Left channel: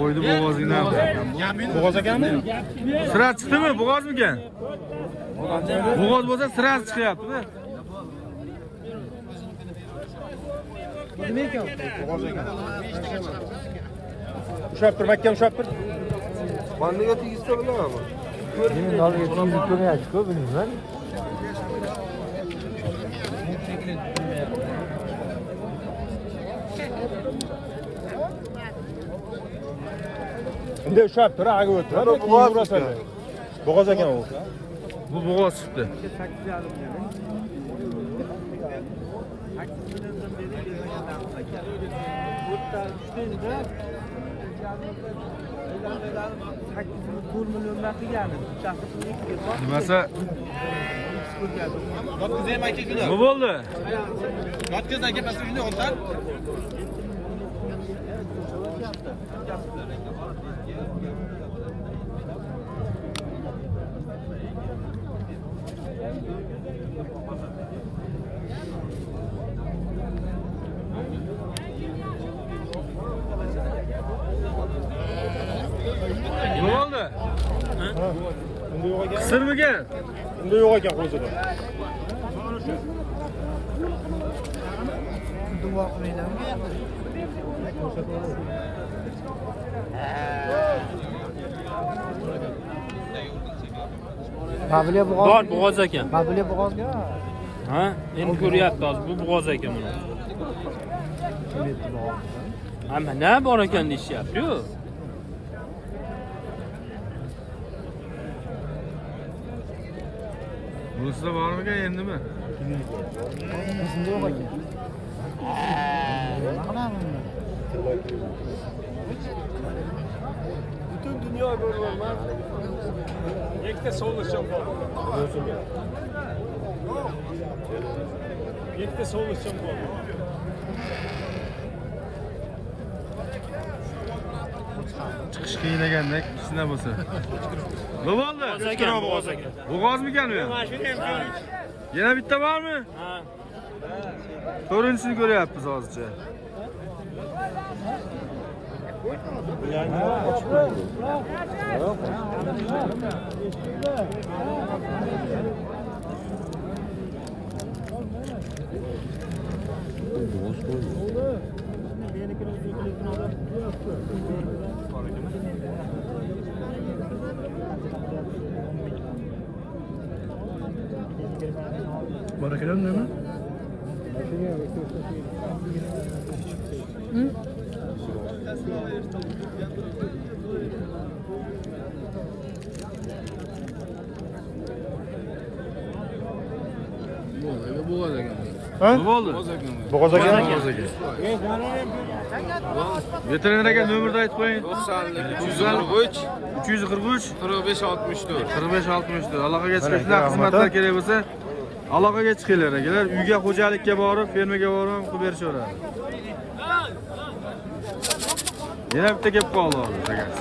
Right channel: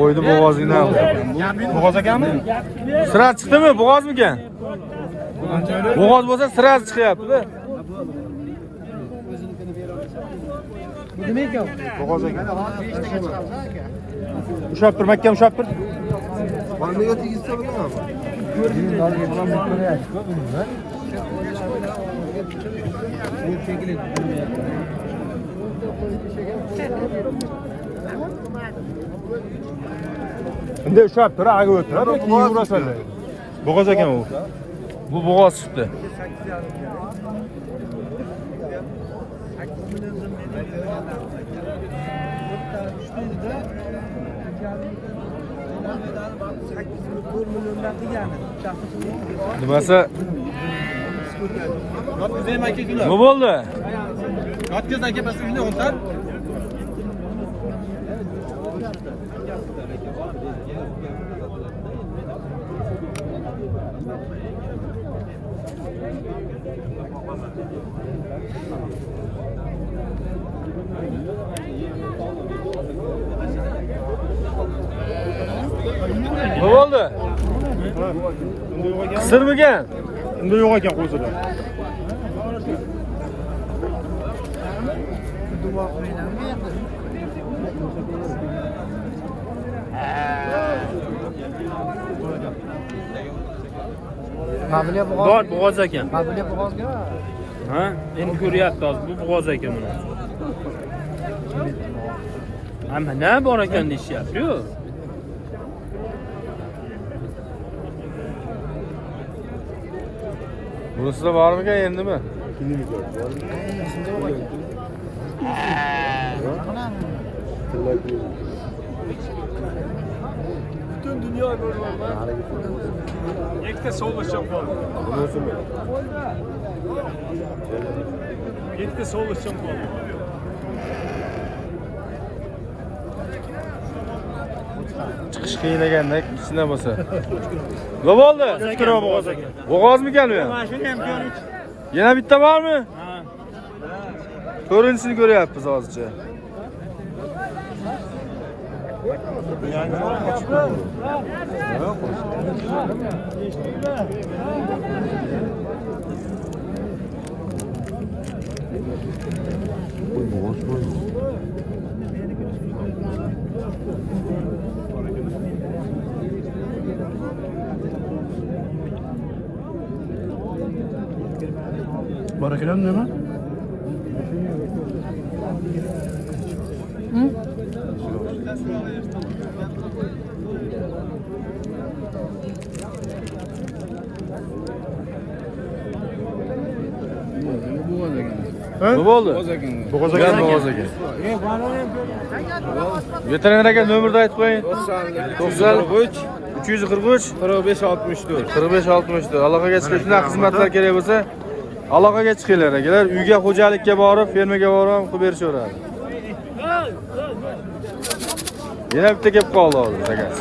Qo'ydi bo'g'ozingni al. Bo'g'oz ekanmi? Sira chiqdimi? Bo'g'ozmikan? Bo'g'oz bo'lsa sira chiqyapti-da. Bo'g'oz ekan. Ushab tur, makka ushab tur. Qandaga tegizsa bo'ladimi? Endi ushab tur, aga o'tdi. Bo'g'oz ekan u. Bu bo'g'oz chiqdi. Nimasi? Nima bo'ldi? Yotkaz aka biz uyni o'ntan. Nima bo'ldi? Qisirmikan? Unda yo'q ekan qo'zida. Bor bo'g'oz ekan. Ha, endi ko'ryapti hozir bu bo'g'oz ekan buni. Hamma nima bor ekan deyishyapti-ku. Bunisida bormikan endimi? Butun dunyo ko'rgan. Ikkita so'lishim bor. Ikkita so'lishim bor. Chiqish qiyin ekanda, kichkina bo'lsa. Nima bo'ldi? Kichkina bo'g'oz ekan. Bo'g'ozmikan u ham? Yana bitta bormi? To'rinchisini ko'ryapmiz hozircha. Barakallah nima? Nima bo'ldi? Bo'g'oz Ekan ekan. bo'g'oz ekan. Veterinar aka nomerni aytib qo'ying. 93 343 45 64. 45 64. Aloqaga chiqib shunaqa xizmatlar kerak bo'lsa, aloqaga chiqinglar akalar. Uyga xo'jalikka borib, fermaga borib ham qilib berishaveradi. Yana bitta kelib qoldi hozir akasi.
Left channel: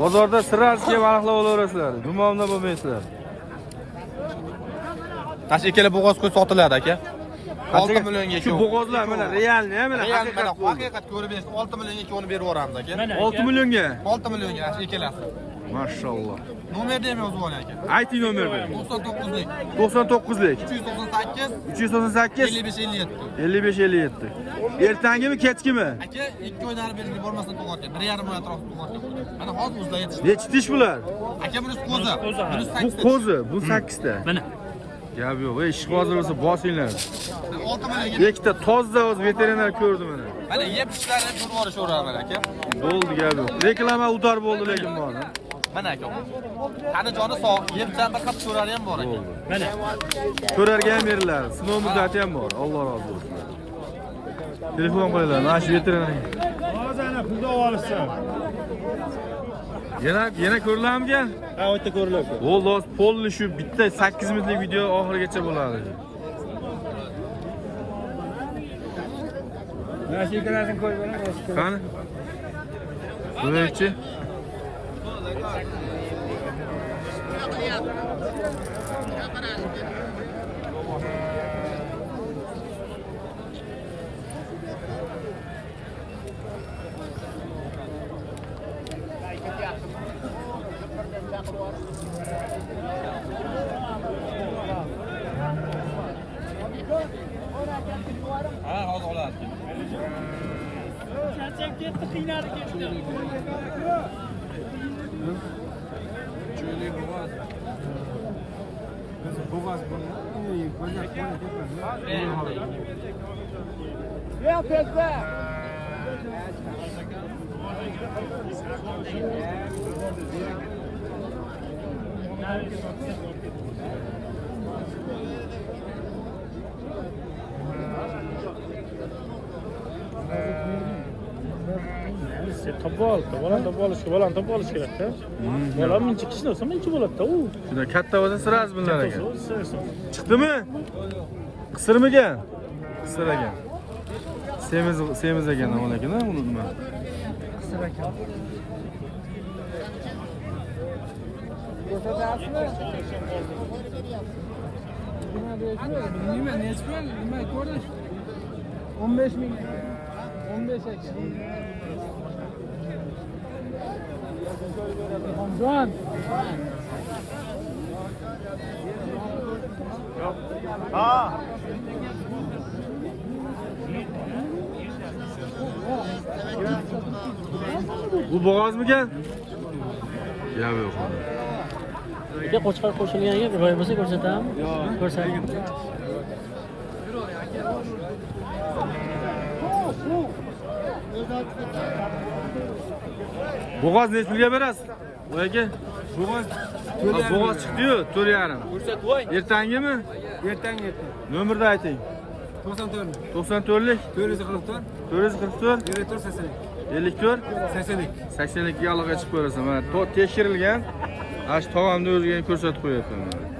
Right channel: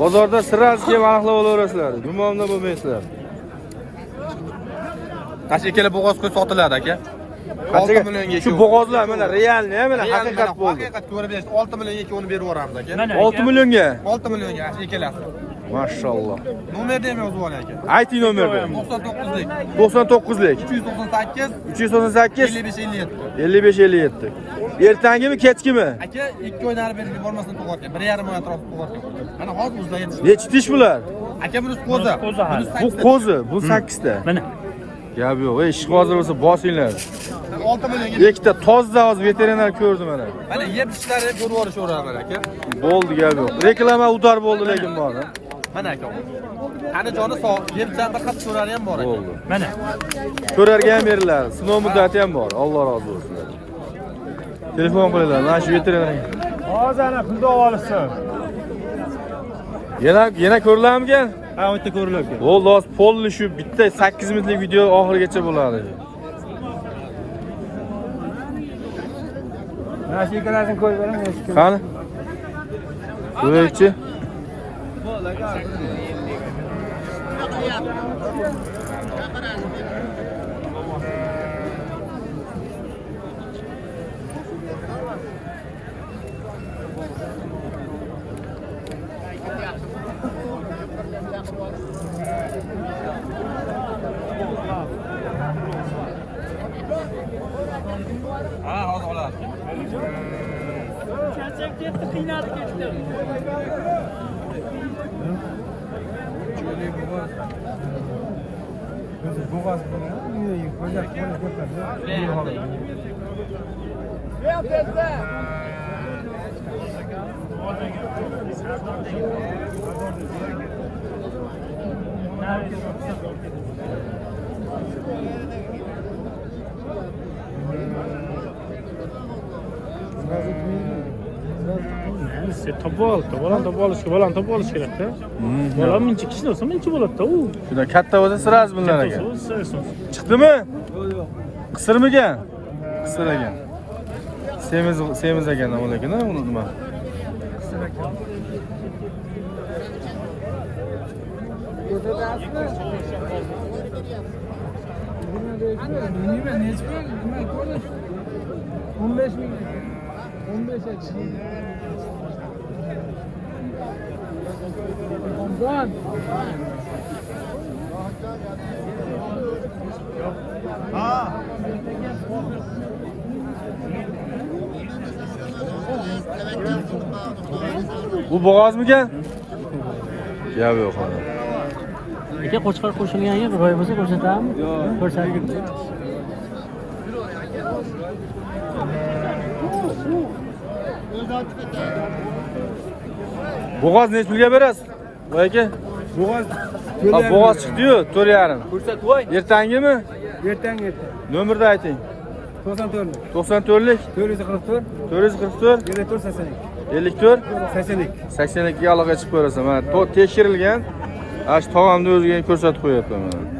Bozorda sirasiz kelib aniqlab olaverasizlar. Gumonda bo'lmaysizlar. Tash ikkala bo'g'oz qo'y sotiladi aka. Qanchaga? Shu bo'g'ozlar mana realni, mana haqiqat bo'ldi. Haqiqat ko'rib berishdi. 6 millionga ikkovini berib yuboramiz aka. 6 millionga. 6 millionga ikkalasi. Mashalloh. Nomerni ham yozib oling aka. Ayting nomerni. 99lik 99lik 398 398 55 57. 55 57. Ertangimi, kechkimi? Aka 2 oy nari berib yubormasdan tug'atgan. 1,5 oy atrofida tug'atgan. Mana hozir o'zida yetishdi. Nechi tish bular? Aka bunisi qo'zi. Bu qo'zi, bu 8 ta. Mana Gap yo'q. Ish hozir bo'lsa bosinglar. 6 millionga. Ikkita toza hozir veterinar ko'rdi mana. Mana yeb ishlari ko'rib yuborishaveradi mana aka. Bo'ldi, gap yo'q. Reklama udar bo'ldi lekin bor. Mana aka. Qani joni sog', yeb bir qat ko'rari ham bor aka. Bo'ldi. mana. Ko'rarga ham beriladi. Sinov muddati ham bor. Alloh rozi bo'lsin. Telefon qilinglar. Mana shu veterinar. Hozir ana pulni olishsin. Yana ko'rilarmikan? Ha, u yerda ko'riladi. Bo'ldi, hozir polni shu bitta 8 minutlik video oxirigacha bo'ladi. Nashikalarni ko'rib beraman. Qani? Ko'raychi. Boğaz böyle Topu olish kerak-da. Yo'q, menchi kishi bo'lsa menchi bo'ladi-da u. Shundan katta bo'lsa sirasiz bunlar ekan. Chiqdimi? Qisirmigan? Qisir ekan. Semiz ekan avval ekan, uni nima? Nima nechta? Nima ko'rish? 15 ming. 15 ekan. Ha. Bu boğazmikan? Gap yo'q ona. Aka qo'chqor qo'shilgan yer ro'y bo'lsa ko'rsatamiz. Ko'rsating. Boğaz necha pulga berasiz? Voy aka. Boğaz. Ha, boğaz chiqdi-yu, 4,5. Ko'rsat voy. Ertangimi? Ertangi. Nomerni ayting. 94. 94lik 444. 444 54 82. 54 82. 82 ga aloqaga chiqib ko'rasan. Mana tekshirilgan. Ash tog'amni o'ziga ko'rsatib qo'yapman mana.